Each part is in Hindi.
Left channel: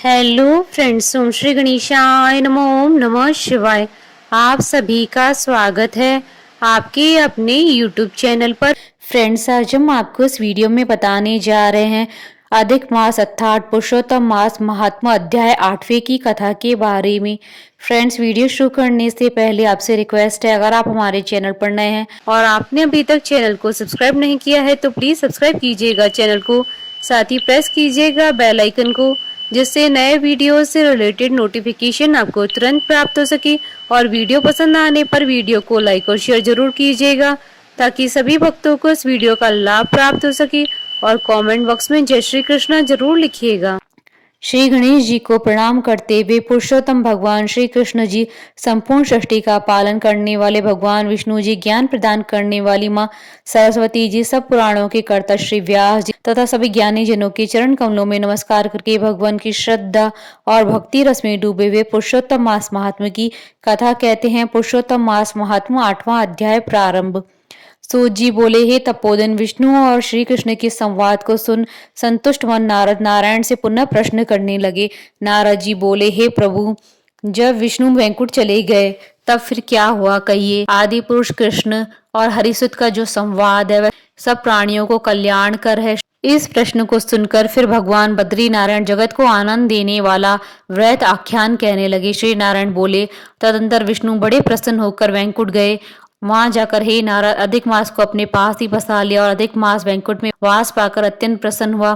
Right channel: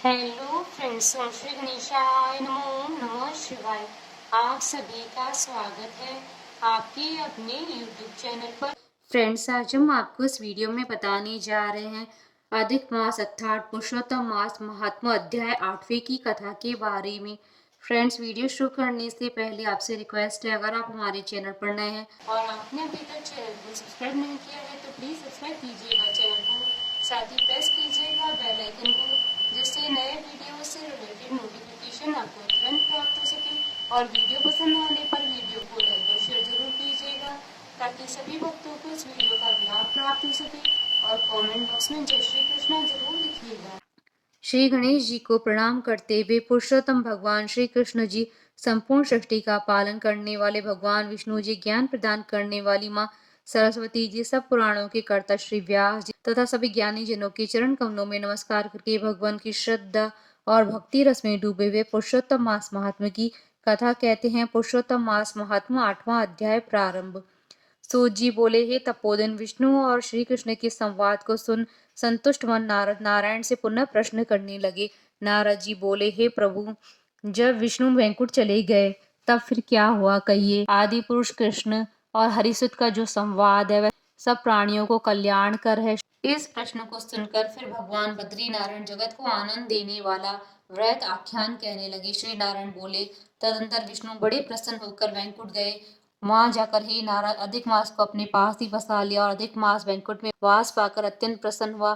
हेलो फ्रेंड्स, ओम श्री गणेशाय नमो, ओम नमः शिवाय। आप सभी का स्वागत है आपके अपने यूट्यूब चैनल पर। फ्रेंड्स, आज हम आपको इस वीडियो में बताने जा रहे हैं अधिक मास अर्थात पुरुषोत्तम मास महात्मा अध्याय 8वें की कथा के बारे में। फ्रेंड्स, वीडियो शुरू करने से पहले आपसे रिक्वेस्ट है, अगर आप हमारे चैनल पर नए हैं और आपने अभी तक चैनल को सब्सक्राइब नहीं किया है तो प्लीज सब्सक्राइब कीजिएगा चैनल को, साथ ही प्रेस कीजिएगा बेल आइकन को, जिससे नए वीडियो से रिलेटेड नोटिफिकेशन आपको तुरंत प्राप्त हो सके। और वीडियो पसंद आने पर वीडियो को लाइक और शेयर जरूर कीजिएगा ताकि सभी भक्तों को इस वीडियो का लाभ प्राप्त हो सके। और कमेंट बॉक्स में जय श्री कृष्णा जरूर लिखिएगा। श्री गणेश जी को प्रणाम करते हुए पुरुषोत्तम भगवान श्री कृष्ण जी, संपूर्ण सृष्टि का पालन करने वाले भगवान विष्णु जी, ज्ञान प्रदान करने वाली माँ सरस्वती जी, सब पुराणों के कर्ता श्री व्यास जी तथा सभी ज्ञानी जनों के चरण कमलों में नमस्कार करके भगवान की श्रद्धा और भक्ति रस में डूबे हुए पुरुषोत्तम मास महात्मा की कथा कहते हैं। पुरुषोत्तम मास महात्मा 8वां अध्याय प्रारंभ। सूत जी बोले, हे तपोधन, विष्णु और श्री कृष्ण के संवाद को सुन संतुष्ट मन नारद नारायण से पुनः प्रश्न करने लगे। नारद जी बोले, हे प्रभु, जब विष्णु वैकुंठ चले गए तब फिर क्या हुआ, कहिए। आदि पुरुष कृष्ण और हरिसुत का जो संवाद है वह सब प्राणियों को कल्याण कर है। इस प्रश्न को सुनकर फिर भगवान बद्री नारायण जगत को आनंद देने वाला व्रत आख्यान कहने लगे। श्री नारायण बोले, तदंतर विष्णु बड़े प्रसन्न होकर वैकुंठ गए। वहां जाकर हे नारद, अधिक मास को अपने पास ही बसा लिया और अधिक मास वैकुंठ में वास पाकर अत्यंत प्रसन्न हुआ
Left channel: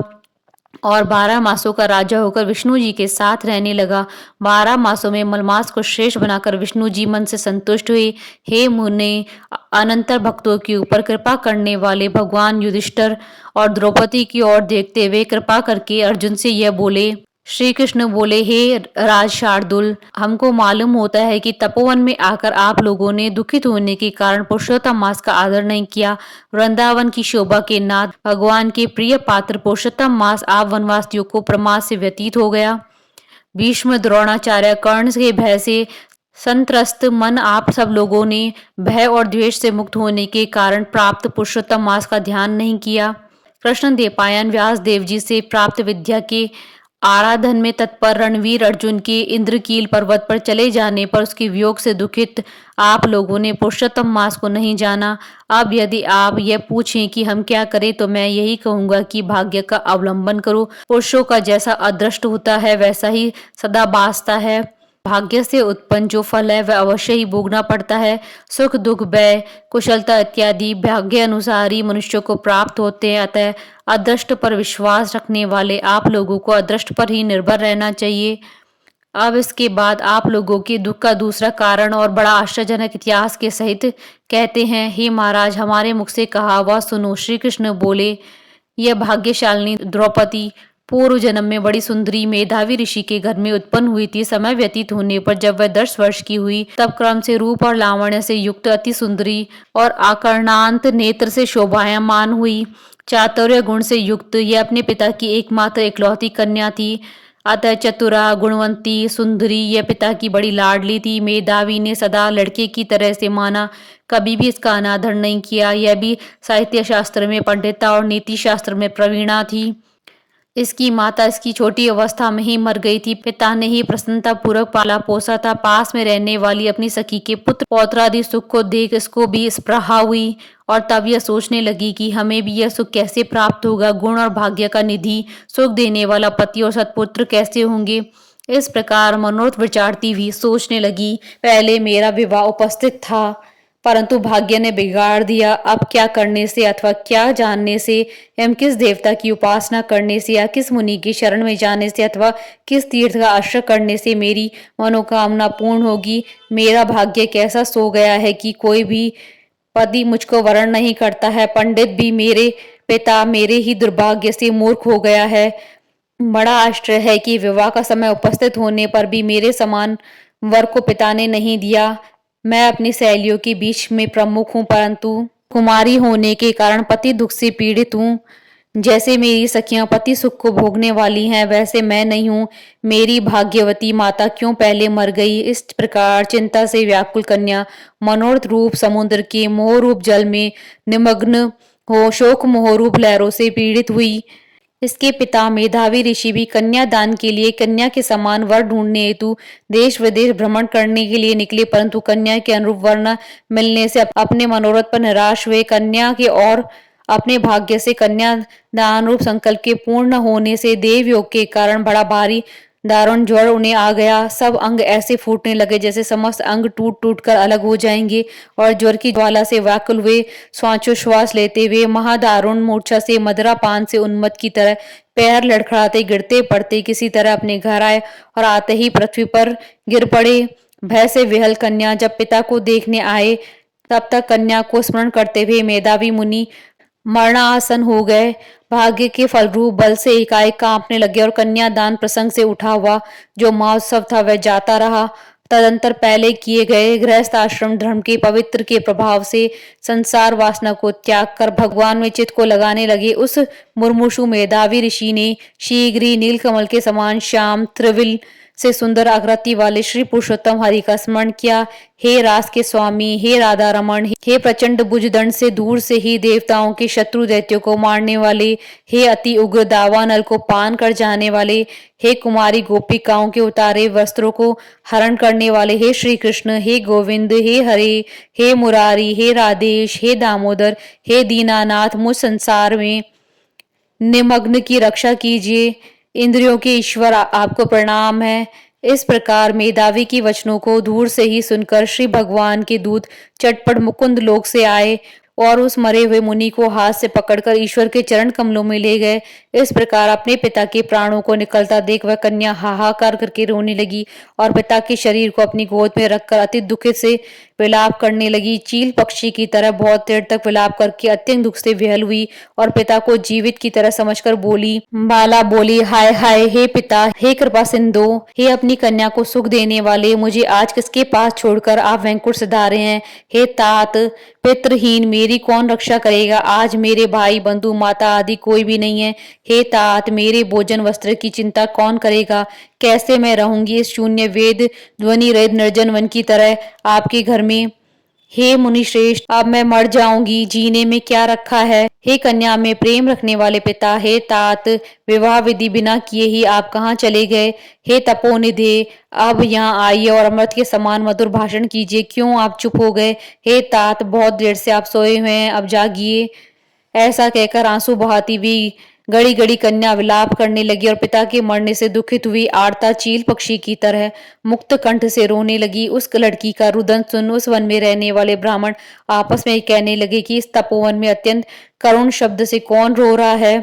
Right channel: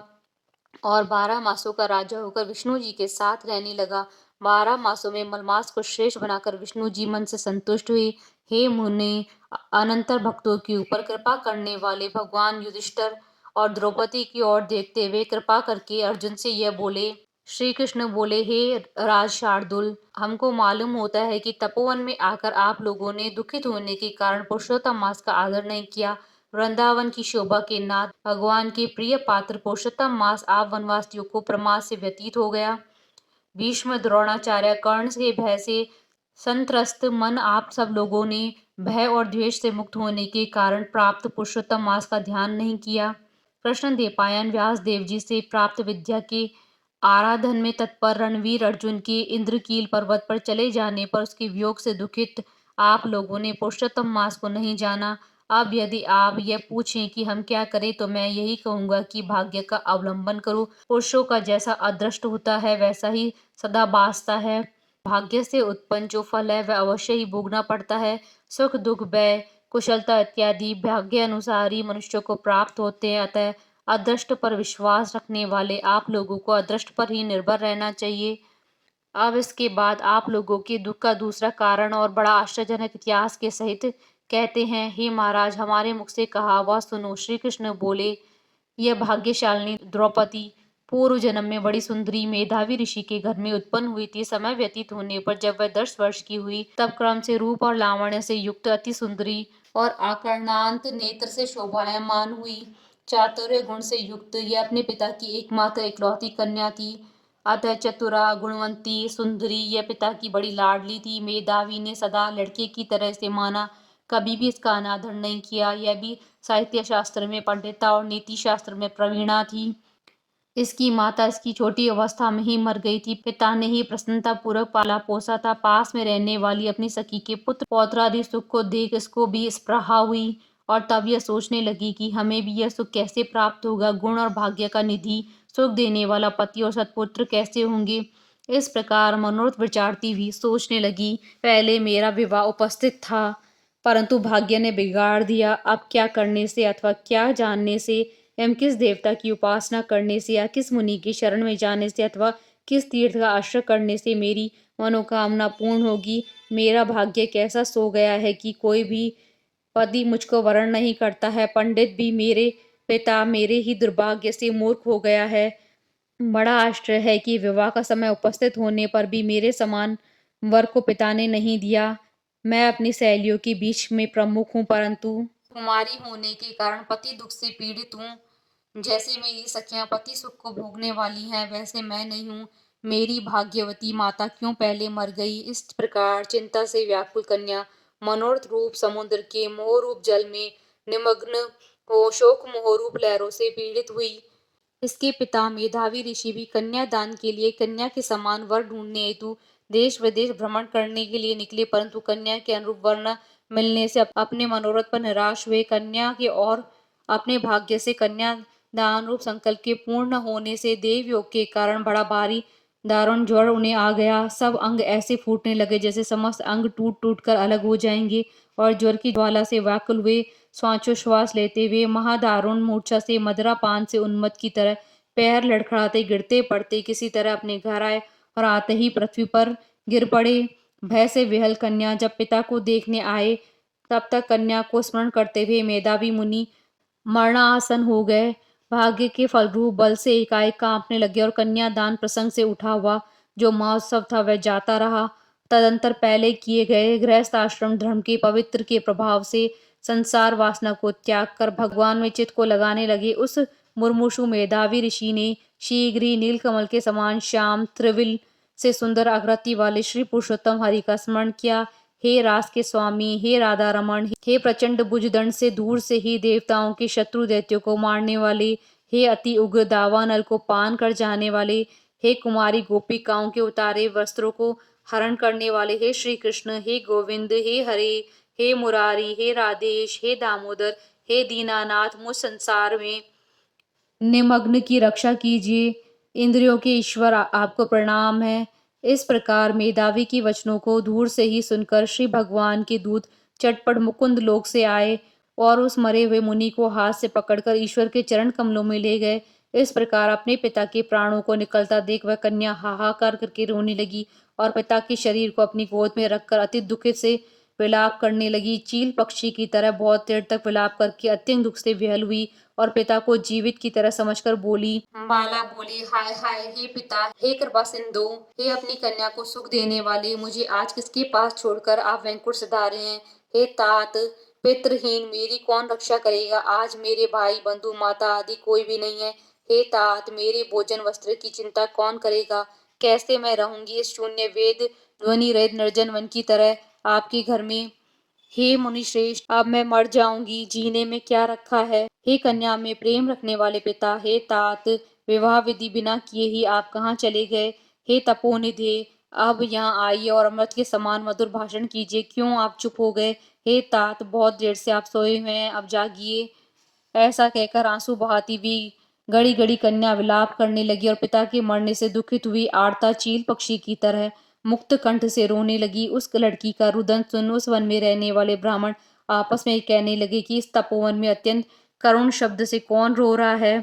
और 12 मासों का राजा होकर विष्णु जी के साथ रहने लगा। 12 मासों में मलमास को श्रेष्ठ बनाकर विष्णु जी मन से संतुष्ट हुए। हे मुने, अनंतर भक्तों के ऊपर कृपा करने वाले भगवान युधिष्ठिर और द्रौपदी की ओर देखते हुए कृपा करके अर्जुन से यह बोले। श्री कृष्ण बोले, हे राज शार्दुल, हमको मालूम होता है कि तपोवन में आकर आप लोगों ने दुखित होने के कारण पुरुषोत्तम मास का आदर नहीं किया। वृंदावन की शोभा के नाथ भगवान के प्रिय पात्र पुरुषोत्तम मास आप वनवासियों को प्रमाद से व्यतीत हो गया। भीष्म, द्रोणाचार्य, कर्ण के भय से संत्रस्त मन आप सब लोगों ने भय और द्वेष से मुक्त होने के कारण प्राप्त पुरुषोत्तम मास का ध्यान नहीं किया। कृष्ण देवपायन व्यास देव जी से प्राप्त विद्या के आराधन में तत्पर रणवीर अर्जुन के इंद्रकील पर्वत पर चले जाने पर उसके वियोग से दुखित आप लोगों ने पुरुषोत्तम मास को नहीं जाना। अब यदि आप यह पूछें कि हम क्या करें तो मैं यही कहूंगा कि भाग्य का अवलंबन करो। पुरुषों का जैसा अदृष्ट होता है वैसा ही सदा बासता है। भाग्य से उत्पन्न जो फल है वह अवश्य ही भोगना पड़ता है। सुख दुख व्यय कुशलता इत्यादि भाग्य अनुसार ही मनुष्यों को प्राप्त होते हैं। अतः अदृष्ट पर विश्वास रखने वाले आप लोगों को अदृष्ट पर ही निर्भर रहना चाहिए। अब इसके बाद आप लोगों के दुख का दूसरा कारण और बड़ा आश्चर्यजनक इतिहास के सहित कहते हैं। हे महाराज, हमारे मुख से कहा हुआ सुनो। श्री कृष्ण बोले, यह भाग्यशालिनी द्रौपदी पूर्व जन्म में बड़ी सुंदरी मेधावी ऋषि के घर में उत्पन्न हुई थी। समय व्यतीत होने पर जब वह 10 वर्ष की हुई तब क्रम से रूप और लावण्य से युक्त अति सुंदरी और आकर्णांत नेत्र से शोभायमान हुई। चातुर्य गुण से युक्त यह अपने पिता की एकमात्र इकलौती कन्या थी। अतः चतुरा, गुणवंती, सुंदरी यह पिता की बड़ी लाडली थी। मेधावी ने सदा लड़के की तरह से माना, कभी भी इसका अनादर नहीं किया। यह भी साहित्य शास्त्र में पंडिता और नीति शास्त्र में प्रवीणा थी। इसकी माता इसकी छोटी अवस्था में ही मर गई थी। पिता ने ही प्रसन्नता पूर्वक पाला पोसा था। पास में रहने वाली अपनी सखी के पुत्र पौत्रादि सुख को देख इसको भी स्पृहा हुई और तब यह सोचने लगी कि हमें भी यह सुख कैसे प्राप्त होगा। गुण और भाग्य का निधि, सुख देने वाला पति और सत्पुत्र कैसे होंगे। इस प्रकार मनोरथ विचारती हुई सोचने लगी, पहले मेरा विवाह उपस्थित था परंतु भाग्य ने बिगाड़ दिया। अब क्या करने से अथवा क्या जानने से एवं किस देवता की उपासना करने से या किस मुनि की शरण में जाने से अथवा किस तीर्थ का आश्रय करने से मेरी मनोकामना पूर्ण होगी। मेरा भाग्य कैसा सो गया है कि कोई भी पति मुझको वरण नहीं करता है। पंडित भी मेरे पिता मेरे ही दुर्भाग्य से मूर्ख हो गया है। बड़ा आश्चर्य है कि विवाह का समय उपस्थित होने पर भी मेरे समान वर को पिता ने नहीं दिया। मैं अपनी सहेलियों के बीच में प्रमुख हूँ परंतु कुमारी होने के कारण पति दुख से पीड़ित हूँ। जैसे मेरी सखियां पति सुख को भोगने वाली हैं वैसे मैं नहीं हूँ। मेरी भाग्यवती माता क्यों पहले मर गई। इस प्रकार चिंता से व्याकुल कन्या मनोरथ रूप समुद्र के मोह रूप जल में निमग्न हो शोक मोह रूप लहरों से पीड़ित हुई। इसके पिता मेधावी ऋषि भी कन्या दान के लिए कन्या के समान वर ढूंढने हेतु देश विदेश भ्रमण करने के लिए निकले, परंतु कन्या के अनुरूप वर न मिलने से अपने मनोरथ पर निराश हुए। कन्या के और अपने भाग्य से कन्या दान रूप संकल्प के पूर्ण होने से देव योग के कारण बड़ा भारी दारुण ज्वर उन्हें आ गया। सब अंग ऐसे फूटने लगे जैसे समस्त अंग टूट टूट कर अलग हो जाएंगे और ज्वर की ज्वाला से व्याकुल हुए श्वासोच्छ्वास लेते हुए महादारुण मूर्छा से मदरा पान से उन्मत्त की तरह पैर लड़खड़ाते गिरते पड़ते किसी तरह अपने घर आए और आते ही पृथ्वी पर गिर पड़े। भय से विहल कन्या जब पिता को देखने आए तब तक कन्या को स्मरण करते हुए मेधावी मुनि मरणासन हो गए। भाग्य के फलरूप बल से एकाएक कांपने लगे और कन्यादान प्रसंग से उठा हुआ जो महोत्सव था वह जाता रहा। तदंतर पहले किए गए गृहस्थ आश्रम धर्म के पवित्र के प्रभाव से संसार वासना को त्याग कर भगवान में चित्त को लगाने लगे। उस मुर्मुषु मेधावी ऋषि ने शीघ्र ही नीलकमल के समान श्याम त्रिविल से सुंदर आकृति वाले श्री पुरुषोत्तम हरि का स्मरण किया। हे रास के स्वामी, हे राधा रमण, हे प्रचंड भुजदंड से दूर से ही देवताओं के शत्रु दैत्यों को मारने वाले, हे अति उग्र दावानल को पान कर जाने वाले, हे कुमारी गोपिकाओं के उतारे वस्त्रों को हरण करने वाले, हे श्री कृष्ण, हे गोविंद, हे हरे, हे मुरारी, हे राधेश, हे दामोदर, हे दीनानाथ, मुझ संसार में निमग्न की रक्षा कीजिए। इंद्रियों के ईश्वर आपको प्रणाम है। इस प्रकार मेधावी की वचनों को दूर से ही सुनकर श्री भगवान के दूत चटपट मुकुंद लोक से आए और उस मरे हुए मुनि को हाथ से पकड़कर ईश्वर के चरण कमलों में ले गए। इस प्रकार अपने पिता के प्राणों को निकलता देख वह कन्या हाहाकार करके रोने लगी और पिता के शरीर को अपनी गोद में रखकर अति दुखित से विलाप करने लगी। चील पक्षी की तरह बहुत देर तक विलाप करके अत्यंत दुख से विहल हुई और पिता को जीवित की तरह समझकर बोली। बाला बोली, हाय हाय, हे पिता, हे कृपा सिंधु, हे अपनी कन्या को सुख देने वाले, मुझे आज किसके पास छोड़कर आप वैकुंठ सिधारे हैं। हे तात, पितृहीन मेरी कौन रक्षा करेगा। आज मेरे भाई बंधु माता आदि कोई भी नहीं है। हे तात, मेरे भोजन वस्त्र की चिंता कौन करेगा। कैसे मैं रहूंगी इस शून्य वेद ध्वनि रहित निर्जन वन की तरह आपके घर में। हे मुनि श्रेष्ठ, अब मैं मर जाऊंगी, जीने में क्या रखा है। हे कन्या में प्रेम रखने वाले पिता, हे तात, विवाह विधि बिना किए ही आप कहाँ चले गए। हे तपोनिधे, अब यहाँ आइए और अमृत के समान मधुर भाषण कीजिए। क्यों आप चुप हो गए। हे तात, बहुत देर से आप सोए हुए हैं, अब जागिए। ऐसा कहकर आंसू बहाती हुई गड़ी गड़ी कन्या विलाप करने लगी और पिता के मरने से दुखित हुई आरता चील पक्षी की तरह मुक्त कंठ से रोने लगी। उस लड़की का रुदन सुन उस वन में रहने वाले ब्राह्मण आपस में कहने लगे कि इस तपोवन में अत्यंत करुण शब्द से कौन रो रहा है।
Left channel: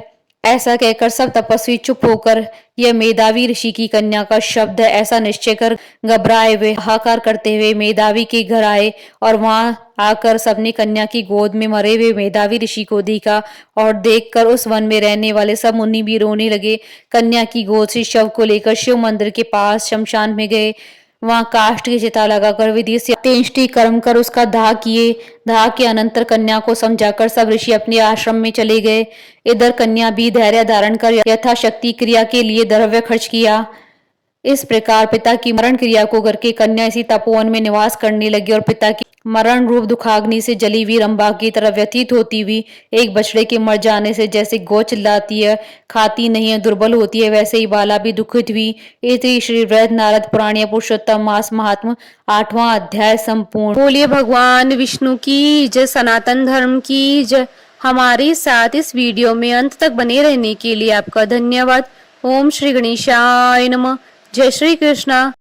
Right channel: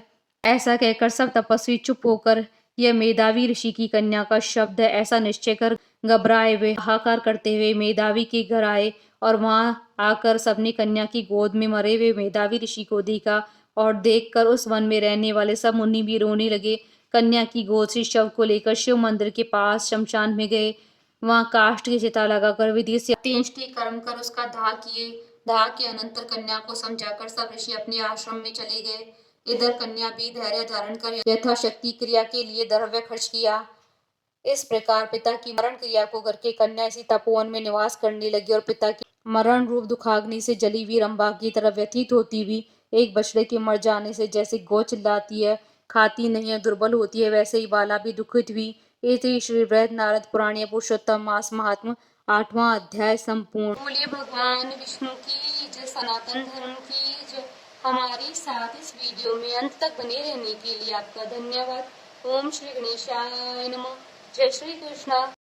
ऐसा कहकर सब तपस्वी चुप होकर यह मेधावी ऋषि की कन्या का शब्द है ऐसा निश्चय कर घबराए हुए हाहाकार करते हुए मेधावी के घर आए और वहां आकर सबने कन्या की गोद में मरे हुए मेधावी ऋषि को देखा और देखकर उस वन में रहने वाले सब मुनि भी रोने लगे। कन्या की गोद से शव को लेकर शिव मंदिर के पास शमशान में गए। वहां काष्ठ की चिता लगाकर विधि से अंत्येष्टि कर्म कर उसका दाह किए। दाह के अनंतर कन्या को समझाकर सब ऋषि अपने आश्रम में चले गए। इधर कन्या भी धैर्य धारण कर यथाशक्ति क्रिया के लिए द्रव्य खर्च किया। इस प्रकार पिता की मरण क्रिया को करके कन्या इसी तपोवन में निवास करने लगी और पिता की मरण रूप दुखाग्नि से जली हुई रंभा की तरह व्यतीत होती हुई एक बछड़े के मर जाने से जैसे गौ चिल्लाती है, खाती नहीं है, दुर्बल होती है, वैसे ही बाला भी दुखित हुई। इति श्री वृहद नारद पुराण पुरुषोत्तम मास महात्म 8वां अध्याय संपूर्ण। बोलिए भगवान विष्णु की जय, सनातन धर्म की जय। हमारे साथ इस वीडियो में अंत तक बने रहने के लिए आपका धन्यवाद। ओम श्री गणेशाय नमः। जय श्री कृष्णा।